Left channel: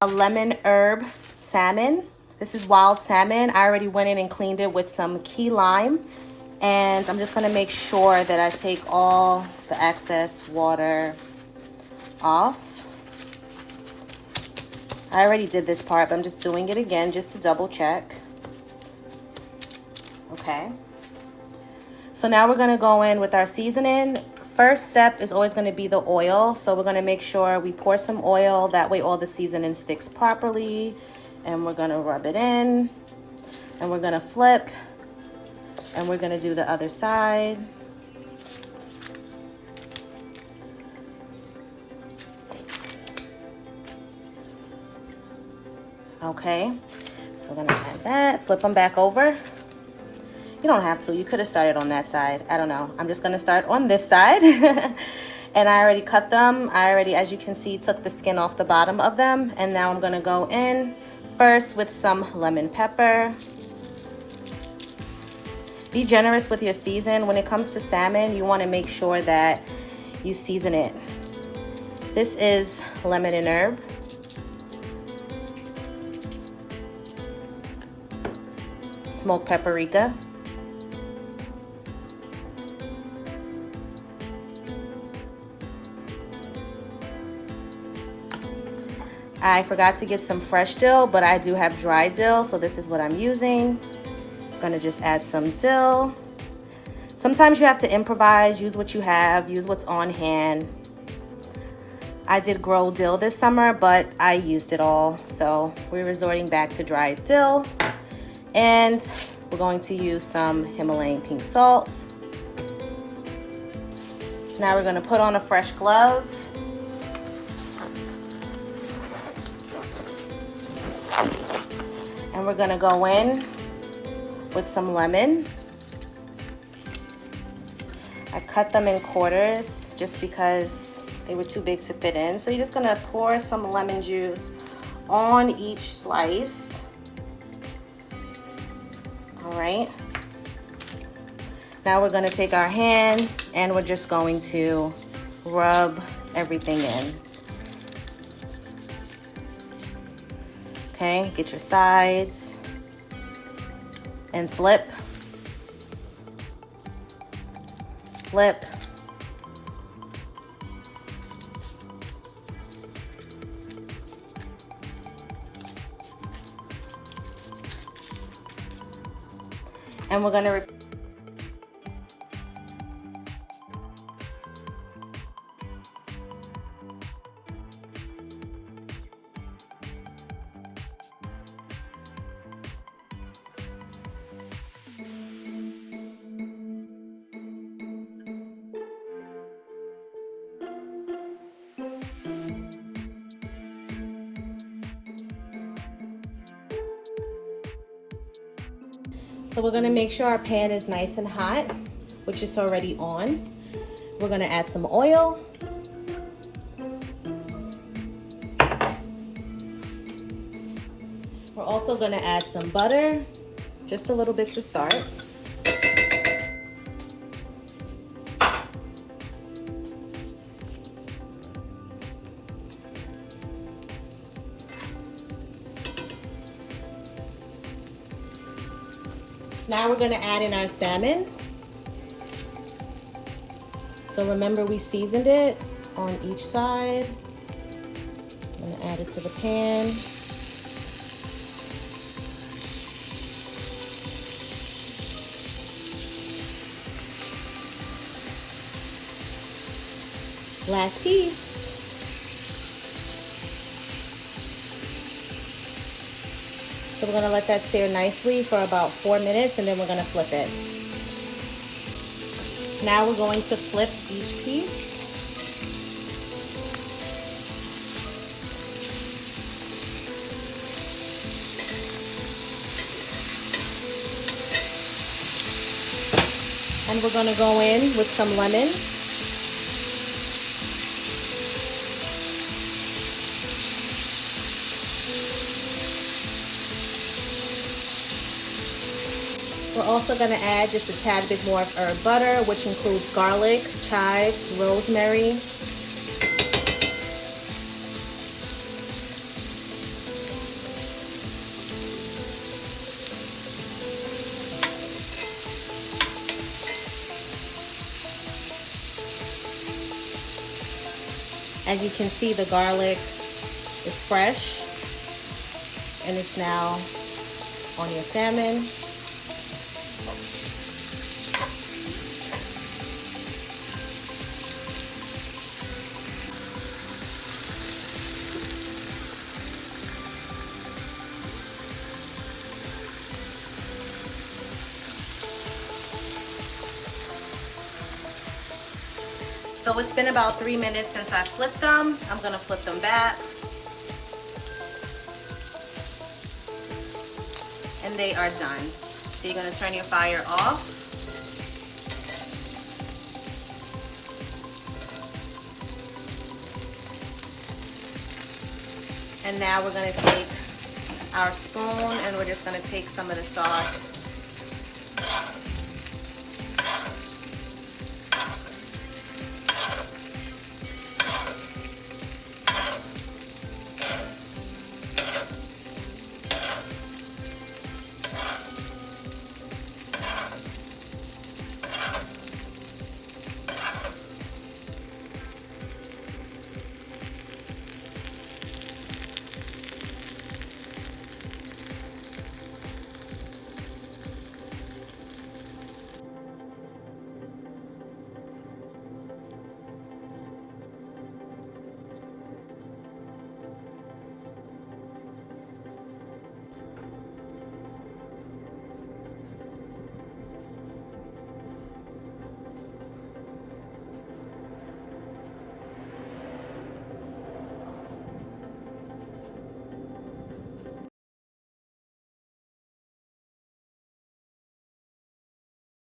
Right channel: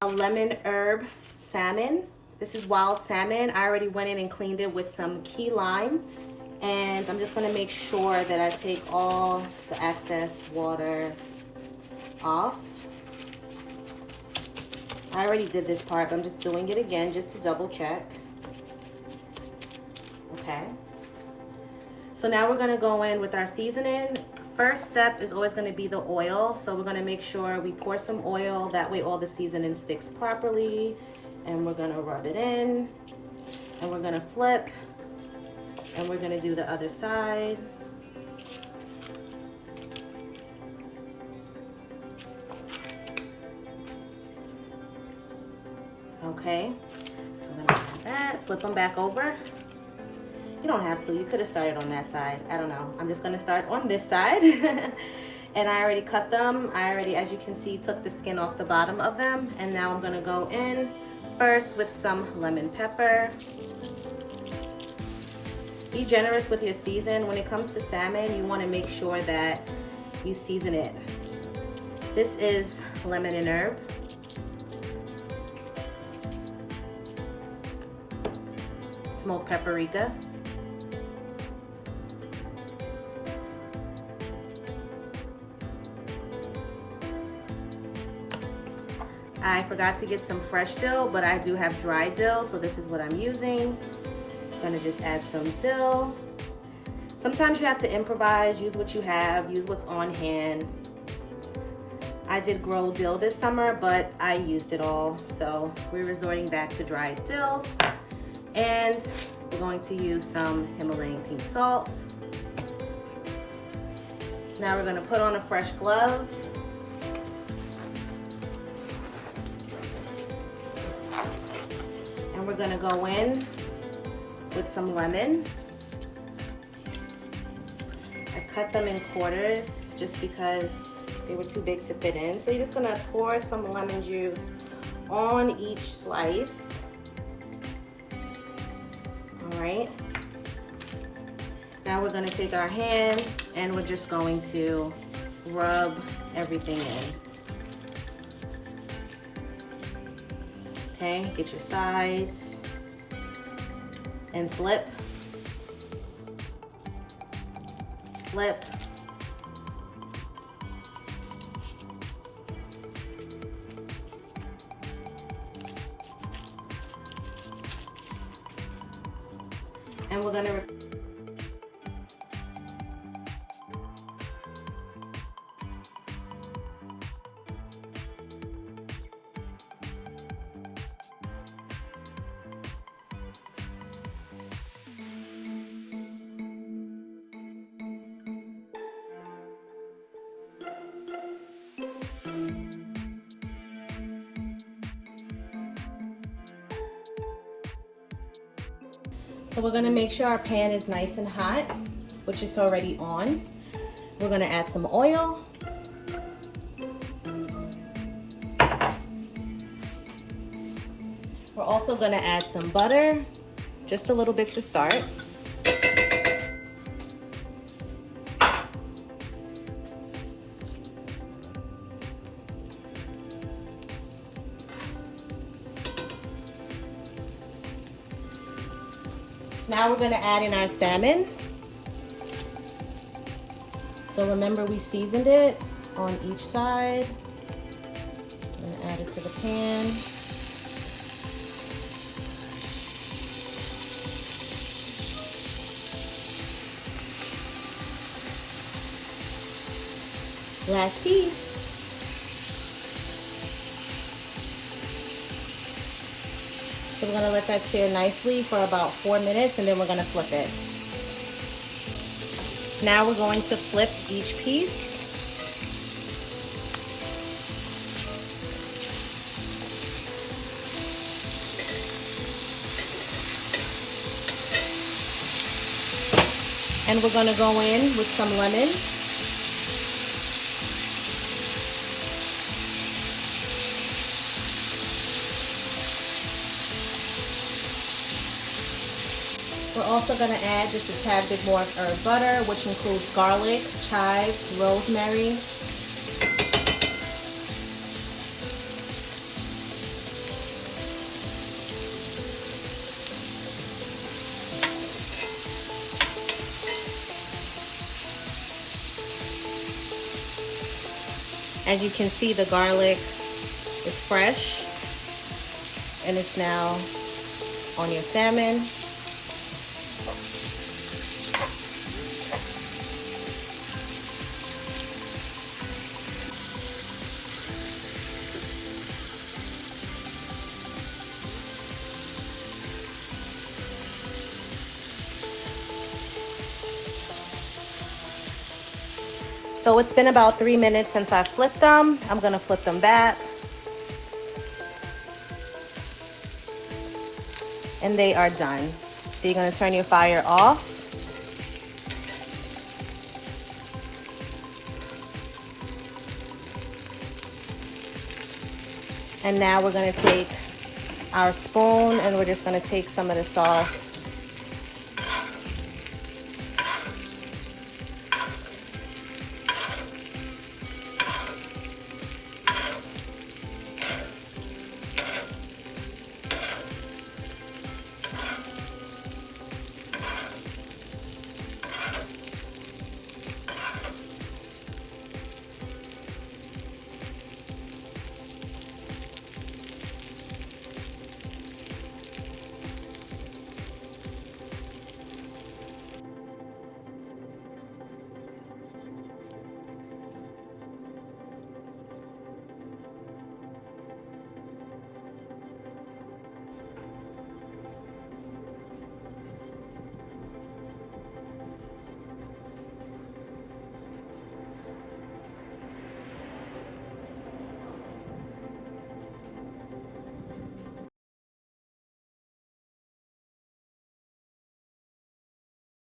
A lemon herb salmon. This is wild salmon. I already went in and cleaned it with some key lime, and I'm just gonna make sure that I take all the excess water off. I already did this part, but I'm just doing it again just to double check. Okay. So now we're gonna go in with our seasoning. First step is always going to be the oil. So we're going to make sure we pour some oil. That way all the seasoning sticks properly. And we're going to rub it in. And we're going to flip. And we're going to do the other side. Okay. So we're going to add that. Flip them back over. You don't have to. You could have started on that side. I don't know. I'm just going to start on this side. And I already cut them. I already, as you can see, took the skin off the bottom of them. And now I'm going to go in first with some lemon pepper. Be generous with your season. When it comes to salmon, you want to make sure that you season it. This is lemon and herb. Smoked paprika. I forgot to get some fresh dill, but I do have dry dill, so this is what I'm using. I'm gonna just add some dill. Sometimes you have to improvise, use what you have, use what's on hand. I did grow dill this summer, but I used it all, so we're resorting back to dry dill. And we're going to use some Himalayan pink salt. Now we're gonna put on a fresh glove. And we're gonna go in with some lemon. I cut them in quarters just because they were too big to fit in. So you're just gonna pour some lemon juice on each slice. All right. Now we're gonna take our hand and we're just going to rub everything in. Okay, get your sides and flip, flip. And we're gonna So we're gonna make sure our pan is nice and hot, which is already on. We're gonna add some oil. We're also gonna add some butter, just a little bit to start. Now we're gonna add in our salmon. So remember, we seasoned it on each side. I'm gonna add it to the pan. Last piece. So we're gonna let that sear nicely for about 4 minutes and then we're gonna flip it. Now we're going to flip each piece. And we're gonna go in with some lemon. We're also going to add just a tad bit more of herb butter, which includes garlic, chives, rosemary. As you can see, the garlic is fresh and it's now on your salmon. So it's been about 3 minutes since I flipped them. I'm gonna flip them back. And they are done. So you're gonna turn your fire off. And now we're gonna take our spoon and we're just gonna take some of the sauce